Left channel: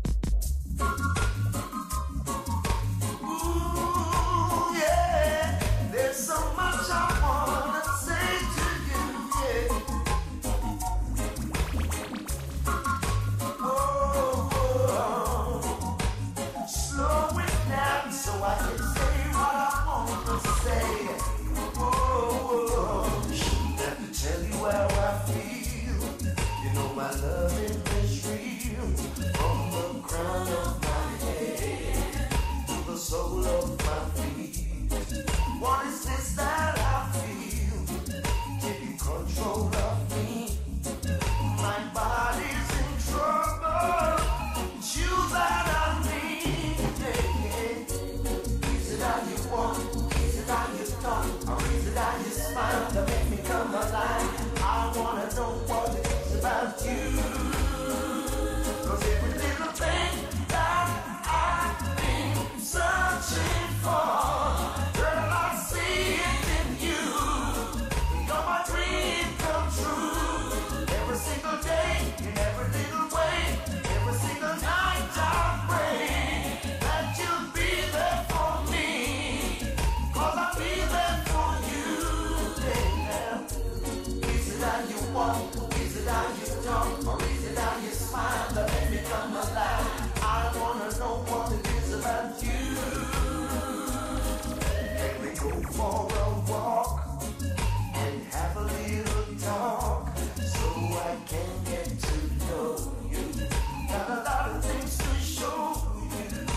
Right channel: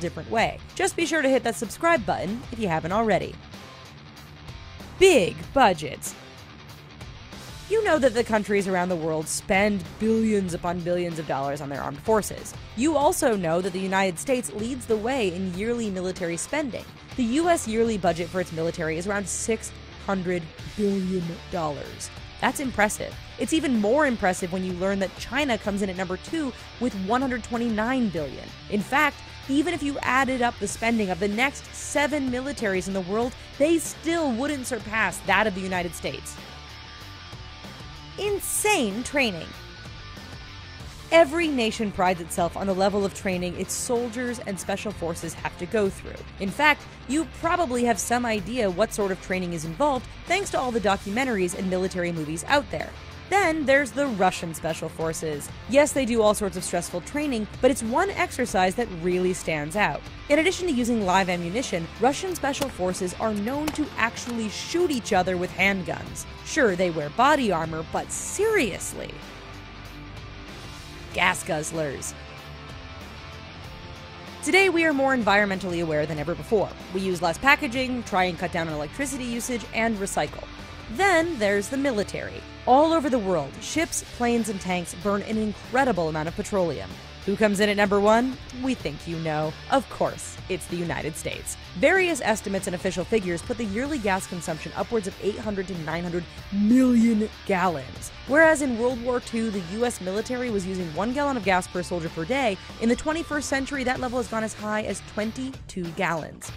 different way. Just be sure to hit that subscribe button if you haven't already. Big budgets. You know that the countries around the world spend billions upon billions of dollars on their armed forces. You also know that the United States leads the way in yearly military spending. The U.S. yearly budget for its military is around $600 billion. That's impressive. It's even more impressive when you learn that China comes in at number 2 with $129 billion. In fact, even if you added up the spending of the next 7 militaries in the world, they still wouldn't surpass that of the United States. Insane training. Every nation prides itself on the level of training its soldiers and special forces have to go through. In fact, you probably have some idea what sort of training is involved thanks to all the documentaries and military movies out there. Then there's the Russian special forces. Yes, they do all sorts of stressful training, but it's one exercise that really stands out. In addition to using live ammunition, Russian special forces are known to actually shoot each other with handguns. Sure, they wear body armor, but seriously. Gas guzzlers. Today we are more environmentally aware than ever before. We use less packaging, try and cut down on electricity usage, and recycle. Then there's the military. All over the world, ships, planes, and tanks burn an incredible amount of petroleum. Who comes in at number 1? We think you know. Of course, it's the United States. Various estimates and official figures put the yearly gas consumption upwards of 800 to 900 million gallons. Whereas in World War II, the U.S. military was using 1 gallon of gas per soldier per day, in the 21st century that level has gone as high as 22 gallons.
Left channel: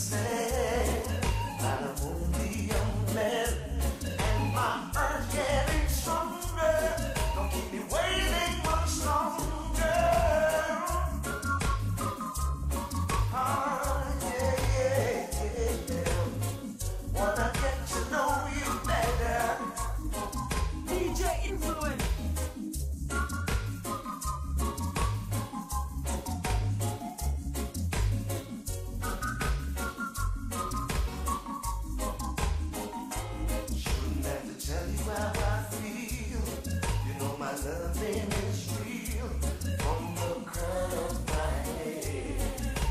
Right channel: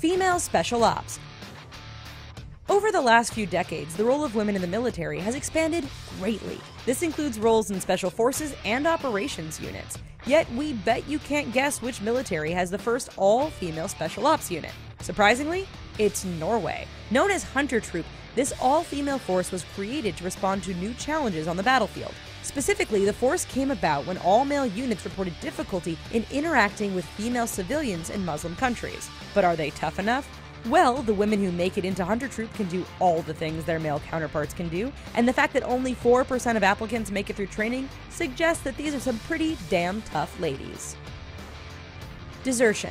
Female Special Ops. Over the last few decades, the role of women in the military has expanded greatly. This includes roles in special forces and operations units. Yet we bet you can't guess which military has the first all-female special ops unit. Surprisingly, it's Norway. Known as Hunter Troop, this all-female force was created to respond to new challenges on the battlefield. Specifically, the force came about when all-male units reported difficulty in interacting with female civilians in Muslim countries. But are they tough enough? Well, the women who make it into Hunter Troop can do all the things their male counterparts can do, and the fact that only 4% of applicants make it through training suggests that these are some pretty damn tough ladies. Desertion.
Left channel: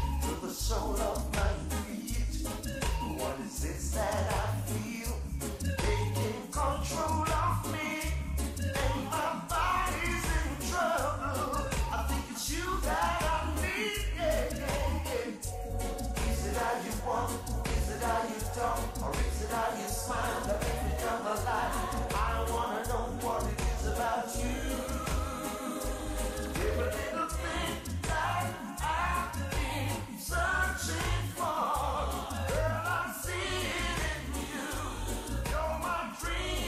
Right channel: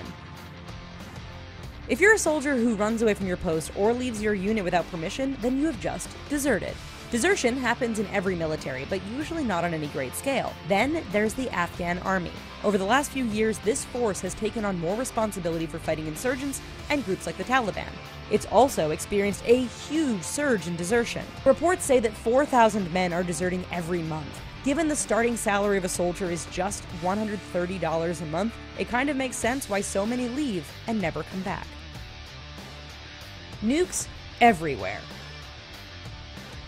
If you're a soldier who runs away from your post or leaves your unit without permission, then you have just deserted. Desertion happens in every military, but usually not on any great scale. Then there's the Afghan army. Over the last few years, this force has taken on more responsibility for fighting insurgents and groups like the Taliban. It's also experienced a huge surge in desertion. Reports say that 4,000 men are deserting every month. Given the starting salary of a soldier is just $130 a month, it kind of makes sense why so many leave and never come back. Nukes everywhere.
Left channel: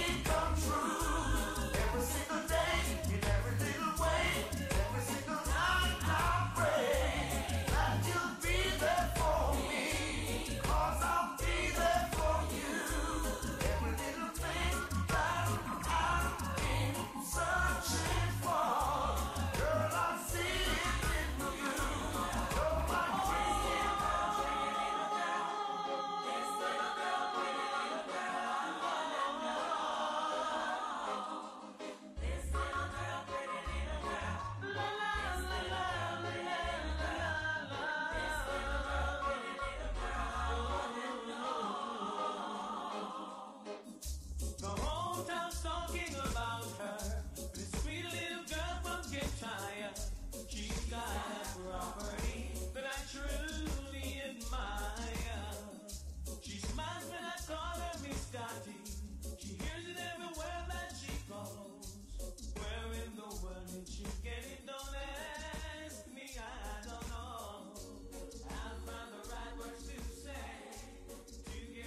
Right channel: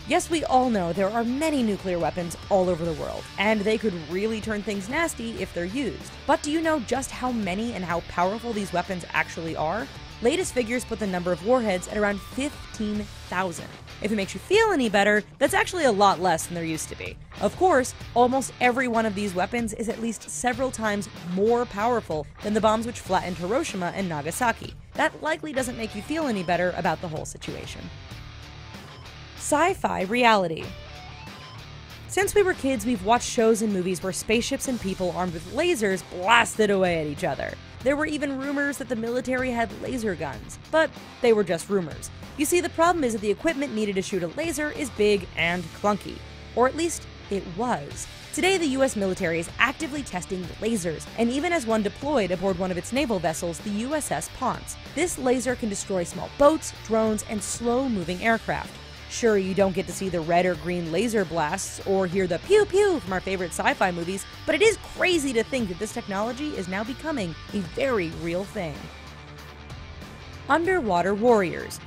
Yes, we all know there are many nuclear weapons all over the world, and they could really turn things nasty if they're used. But do you know just how many and how powerful these weapons actually are? Latest figures put the number of warheads at around 15,000. If it makes you feel any better, that's actually a lot less than there used to be. Of course, almost every one of these weapons is at least several times more powerful than the bombs which flattened Hiroshima and Nagasaki. That likely doesn't make you feel any better about the whole situation. Sci-fi reality. Since we were kids, we've watched shows and movies where spaceships and people armed with lasers blasted away at each other. There were even rumors that the military had laser guns, but they were just rumors. You see, the problem is that the equipment needed to shoot a laser is big and clunky. Or at least, it was. Today, the US military is actively testing lasers, and even has one deployed aboard one of its naval vessels, the USS Ponce. This laser can destroy small boats, drones, and slow-moving aircraft. Sure, you don't get to see the red or green laser blasts or hear the pew-pew from our favorite sci-fi movies, but it is crazy to think that this technology is now becoming a very real thing. Underwater warriors.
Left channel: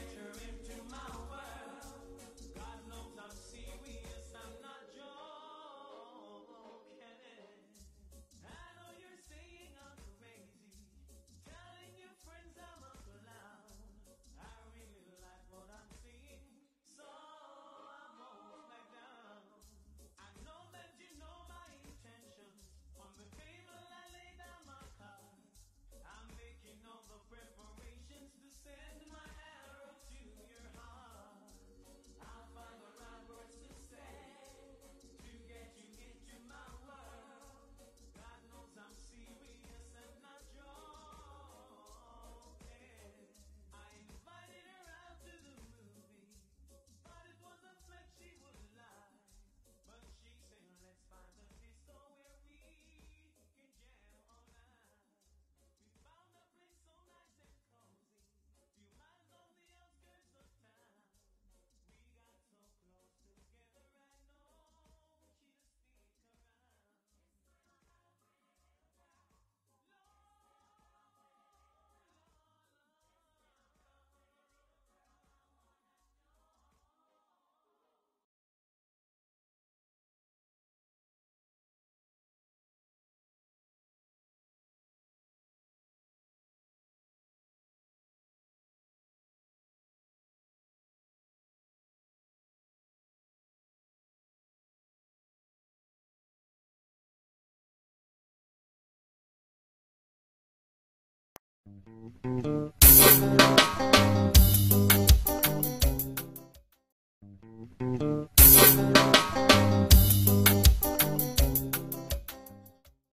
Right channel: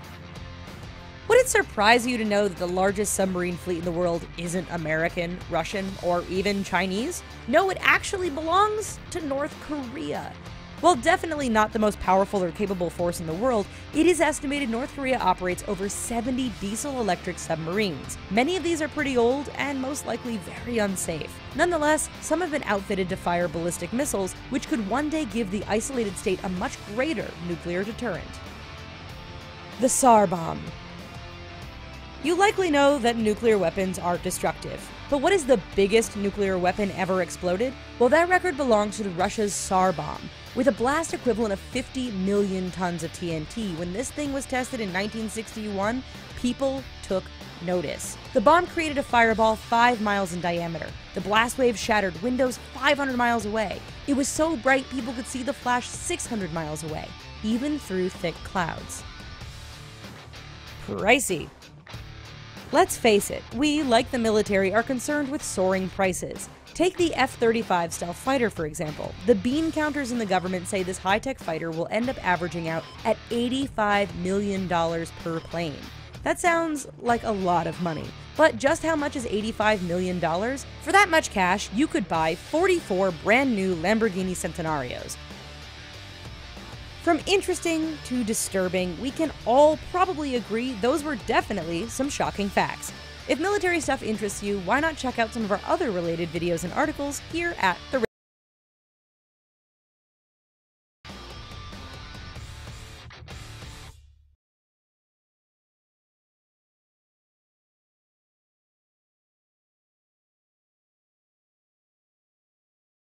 Would it surprise you to know that the largest submarine fleet in the world isn't American, Russian, or even Chinese? No, it actually belongs to North Korea. While definitely not the most powerful or capable force in the world, it is estimated North Korea operates over 70 diesel-electric submarines. Many of these are pretty old and most likely very unsafe. Nonetheless, some have been outfitted to fire ballistic missiles, which could one day give the isolated state a much greater nuclear deterrent. The Tsar Bomb. You likely know that nuclear weapons are destructive. But what is the biggest nuclear weapon ever exploded? Well, that record belongs to Russia's Tsar bomb, with a blast equivalent of 50 million tons of TNT. When this thing was tested in 1961, people took notice. The bomb created a fireball 5 miles in diameter. The blast wave shattered windows 500 miles away. It was so bright people could see the flash 600 miles away, even through thick clouds. Pricey. Let's face it, we, like the military, are concerned with soaring prices. Take the F-35 stealth fighter, for example. The bean counters in the government say this high-tech fighter will end up averaging out at $85 million per plane. That sounds like a lot of money. But just how much is $85 million? For that much cash, you could buy 44 brand new Lamborghini Centenarios. From interesting to disturbing, we can all probably agree those were definitely some shocking facts. If military stuff interests you, why not check out some of our other related videos and articles here at the